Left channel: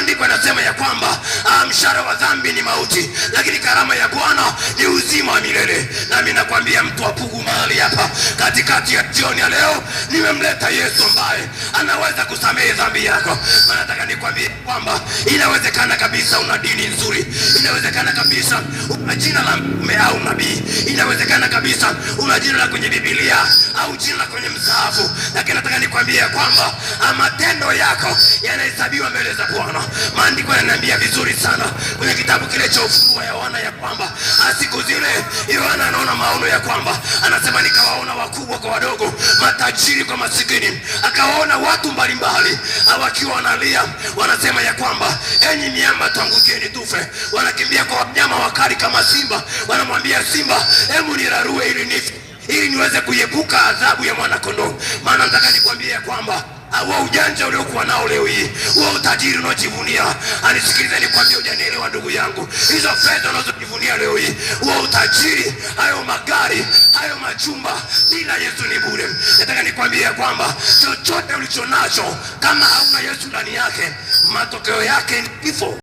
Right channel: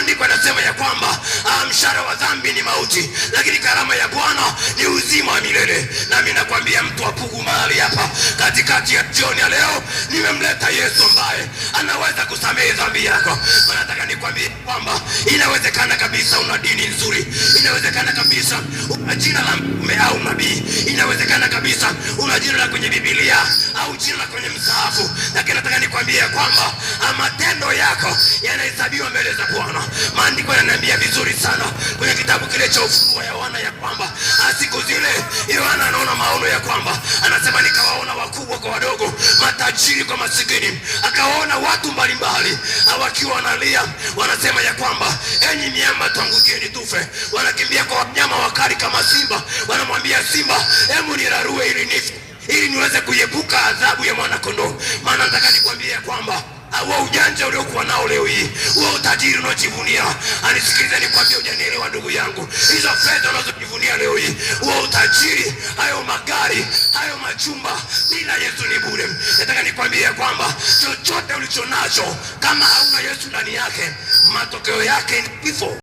Maandiko yanasema ya kwamba mshahara wa dhambi ni mauti, lakini karama ya Bwana ni uzima wa milele. Nami nakwambia mtu wa Pugu mahali hapa katikati ya jioni ya leo, nimemleta Yesu ambaye anaweza kusamehe dhambi yako. Maana nataka nikwambie kwamba inawezekana kabisa una dini nzuri, inawezekana kabisa una jina la mtume au nabii, inawezekana kabisa una jina la kwenye Biblia au jina la kwenye msahafu, lakini nataka nikwambie kwamba matendo yako yanahesabiwa mbele za Bwana. Maandiko yananiambia vizuri sana kwenye kitabu kile cha Ufunuo wa Yohana ya kwamba siku zile Yohana anaona maono ya kwamba anasema, nikawaona wakubwa kwa wadogo, matajiri kwa masikini, akawaona watu mbalimbali wakiwa wanalia, wanasema ya kwamba enyi miamba tuangukieni tufe. Wanakimbia kwa wanyama wakali kama simba, wanamwambia simba, hebu nirarue ili nife, ili niweze kuepuka adhabu ya mwana kondoo. Maana nataka nikwambie kwamba huo ujanja uliokuwa nao leo hii, huo utajiri unaojivunia, anisikilize nikwambie, hujanielewa ndugu yangu. Hizo fedha unazojivunia leo hii, huo utajiri, hayo magari, hayo majumba, bila Yesu ni bure. Nataka nikwambie kwamba chochote ulichonacho kama hauna Yesu ndani yake, matokeo yake ni kifo.